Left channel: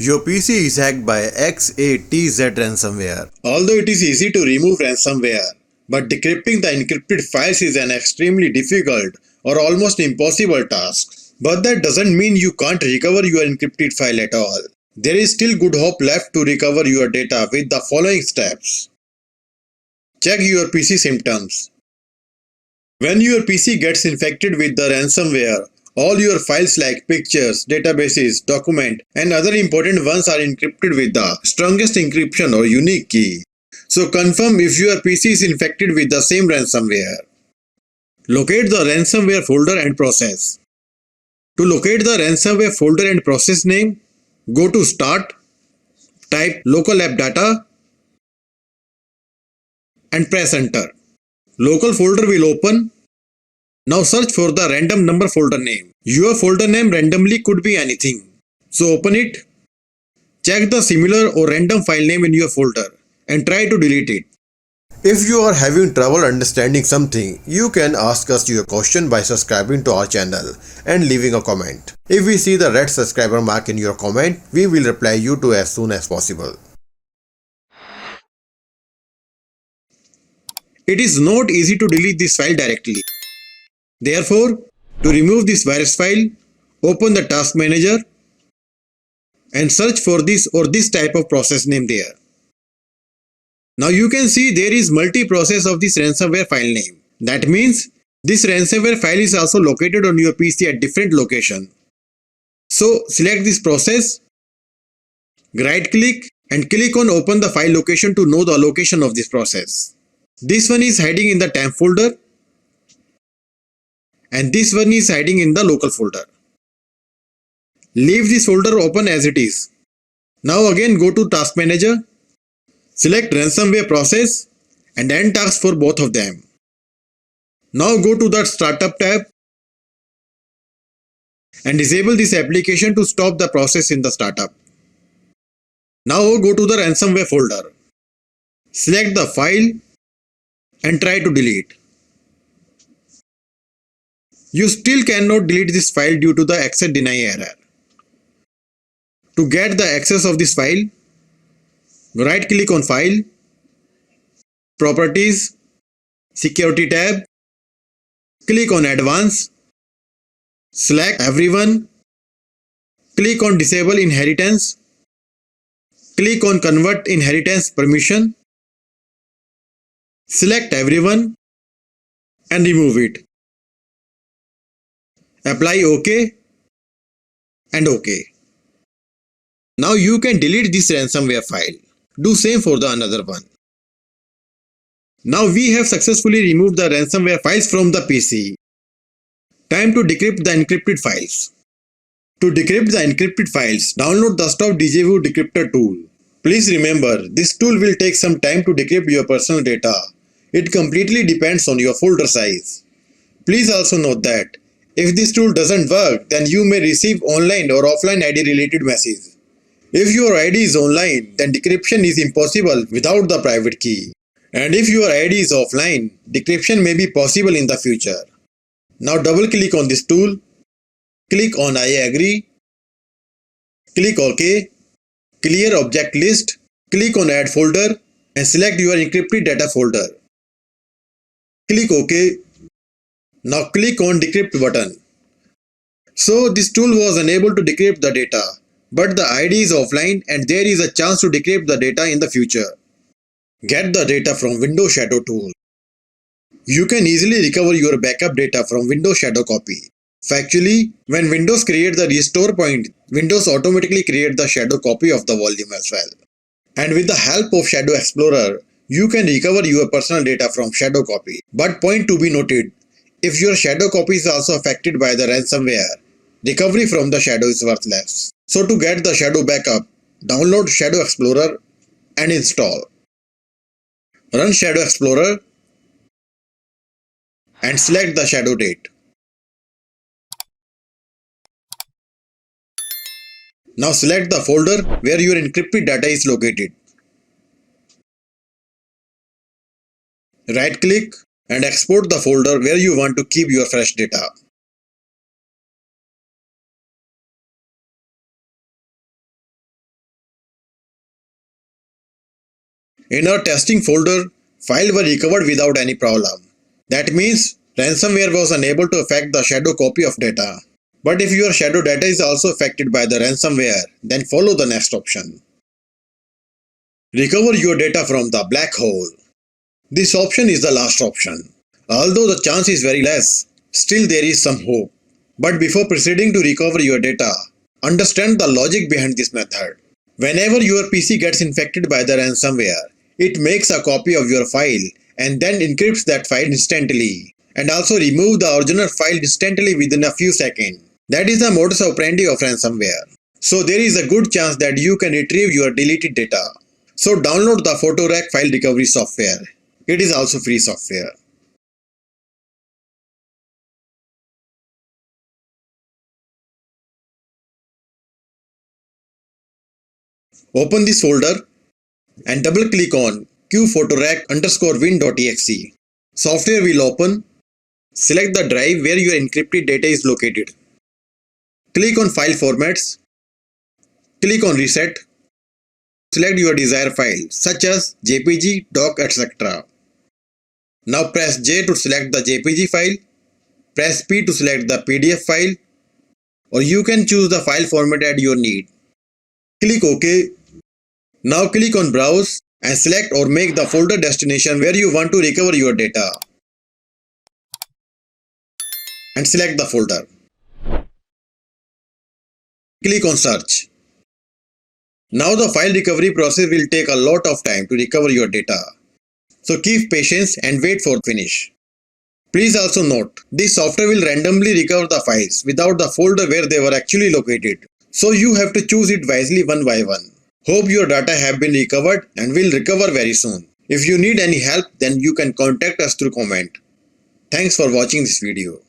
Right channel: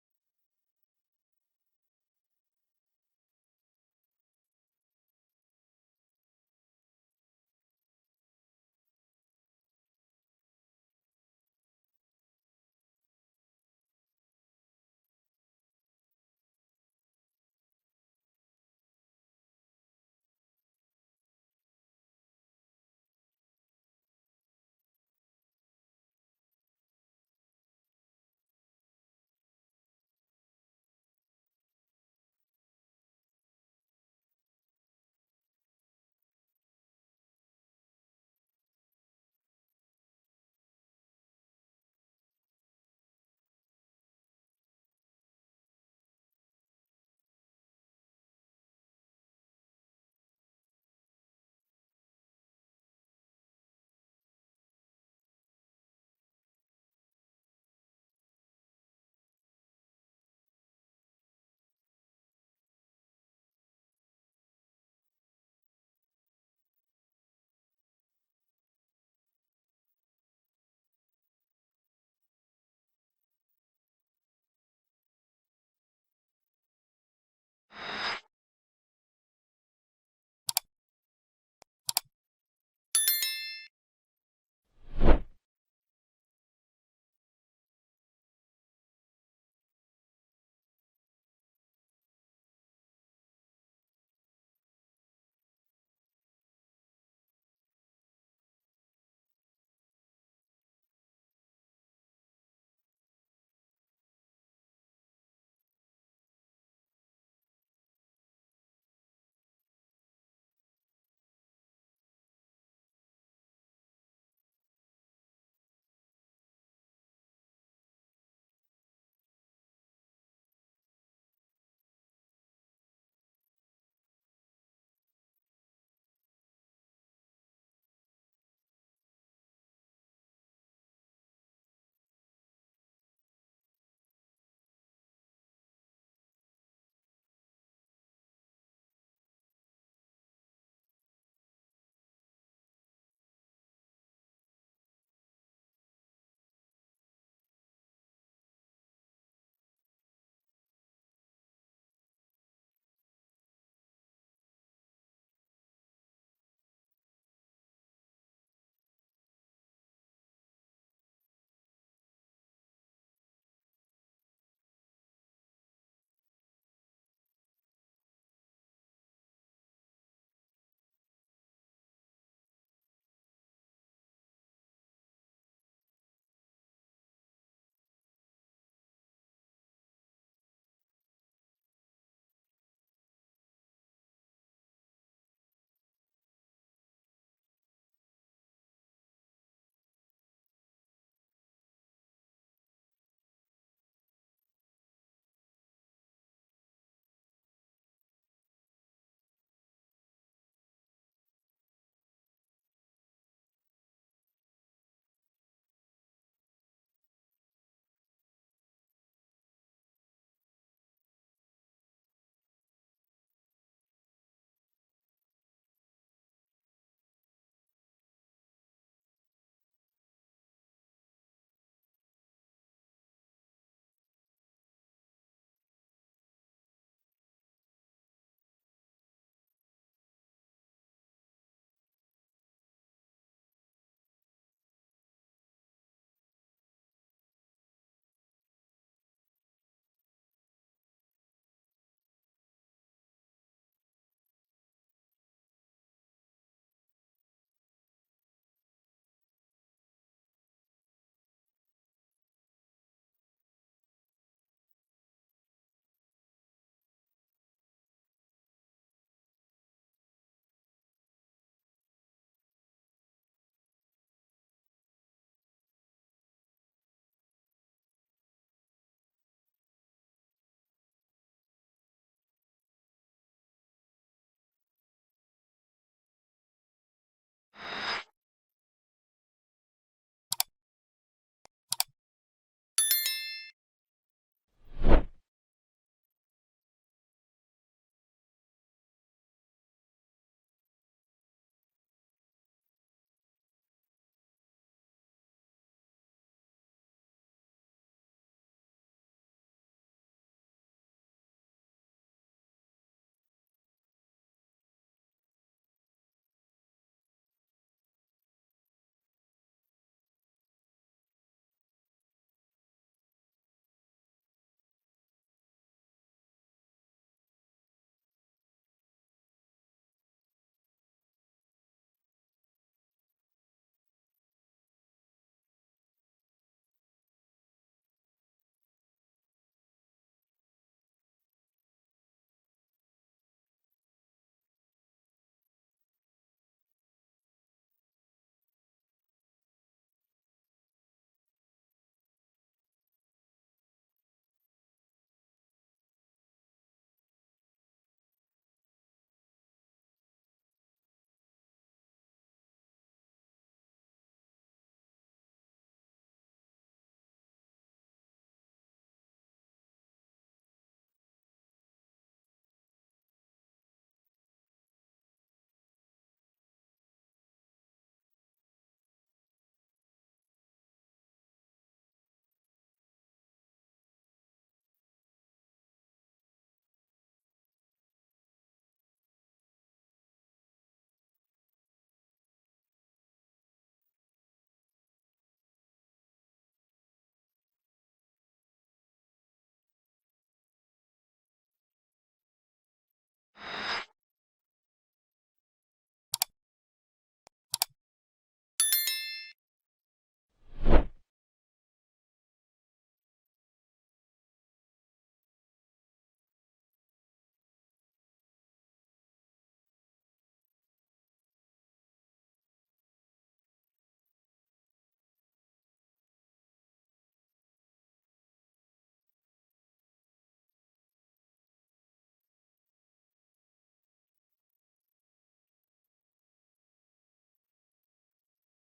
Your PC is hacked by Xatz Ransomware. Although it is easy to remove ransomware, but decrypting the encrypted files is an extremely difficult or almost impossible task. But that doesn't mean you can't recover your encrypted file at all. There is still good hope left to recover your data with the following steps. Check your PC symptoms. When your PC gets infected with the ransomware, all your files like pictures, databases, documents, and other important ones are encrypted with the strongest encryption or unique key. So confirm if your PC is infected with the same ransomware. Locate the ransomware folder and process. To locate the ransomware folder and process name, go to Start, type local app data, and press enter. Local folder will open. Now search for the random number folder name. Your folder name randomly could be anything. So open it. Check the similar or random file name in your folder and try to delete it. If you are having trouble understanding something, you can ask us your question by subscribing to our channel and leaving a comment. If we see the red subscriber mark in your comment, we will reply you to as soon as possible. It is not easy to delete this file directly. Therefore, to remove this virus file, open the task manager and search for this or this type of process name there. Now you can see there is multi-process of this ransomware file name. That means this ransomware file is also located on your PC at different location. So select this process, right click and click on open the file location to know the location of this process. This one is hiding in the temp folder and this one is hiding in the local folder. Leave this folder open as it is. Now again go to task manager, select ransomware process and end task for both of them. Now go to the startup tab and disable this application to stop the process in the startup. Now go to the ransomware folder. Select the file and try to delete. You still cannot delete this file due to the access deny error. To get the access of this file, right click on File, Properties, Security tab, click on Advanced, select Everyone, click on Disable Inheritance, click on Convert Inheritance Permission, select Everyone and remove it. Apply OK and OK. Now you can delete this ransomware file. Do same for the another one. Now we have successfully removed the ransomware files from the PC. Time to decrypt the encrypted files. To decrypt the encrypted files, download the Stop Deja-Vu Decryptor tool. Please remember, this tool will take some time to decrypt your personal data. It completely depends on your folder size. Please also note that if this tool doesn't work, then you may receive online or offline ID related message. If your ID is online, then decryption is impossible without the private key. And if your ID is offline, decryption may be possible in the future. Now double click on this tool, click on I agree, click OK, clear object list, click on add folder and select your encrypted data folder. Click OK. Now click on decrypt button. So this tool was unable to decrypt the data, but the ID is offline and there is a chance to decrypt the data in the future. Get the data from Windows Shadow tool. You can easily recover your backup data from Windows Shadow copy. Factually, when Windows creates the restore point, Windows automatically creates the shadow copy of the volume as well. And with the help of Shadow Explorer, you can recover your personal data from shadow copy. But point to be noted, if your shadow copy is also affected by the ransomware, recovery from the shadow is worthless. So to get the shadow backup, download Shadow Explorer and install. Run Shadow Explorer and select the shadow date. Now select the folder where your encrypted data is located. Right click and export the folder where you want to keep your fresh data. In our testing folder, files were recovered without any problem. That means ransomware was unable to affect the shadow copy of data. But if your shadow data is also affected by the ransomware, then follow the next option. Recover your data from the black hole. This option is the last option. Although the chance is very less, still there is some hope. But before proceeding to recover your data, understand the logic behind this method. Whenever your PC gets infected by the ransomware, it makes a copy of your file and then encrypts that file instantly, and also remove the original file instantly within a few seconds. That is the modus operandi of ransomware. So there is a good chance that you can retrieve your deleted data. So download the PhotoRec file recovery software. It is also free software. Open this folder and double click on qphotorec_win.exe. Software will open. Select the drive where your encrypted data is located. Click on File Formats. Click on Reset. Select your desired file such as JPG, doc, etc. Now press J to select the JPG file. Press P to select the PDF file, or you can choose the file format at your need. Click OK. Now click on Browse and select or make the folder destination where you want to recover your data. And select the folder. Click on Search. Now the file recovery process will take a lot of time to recover your data. So keep patience and wait for finish. Please also note, this software will randomly recover the files without the folder where they were actually located. So you have to choose it wisely one by one. Hope your data have been recovered and will recover very soon. If you need any help, then you can contact us through comment. Thanks for watching this video.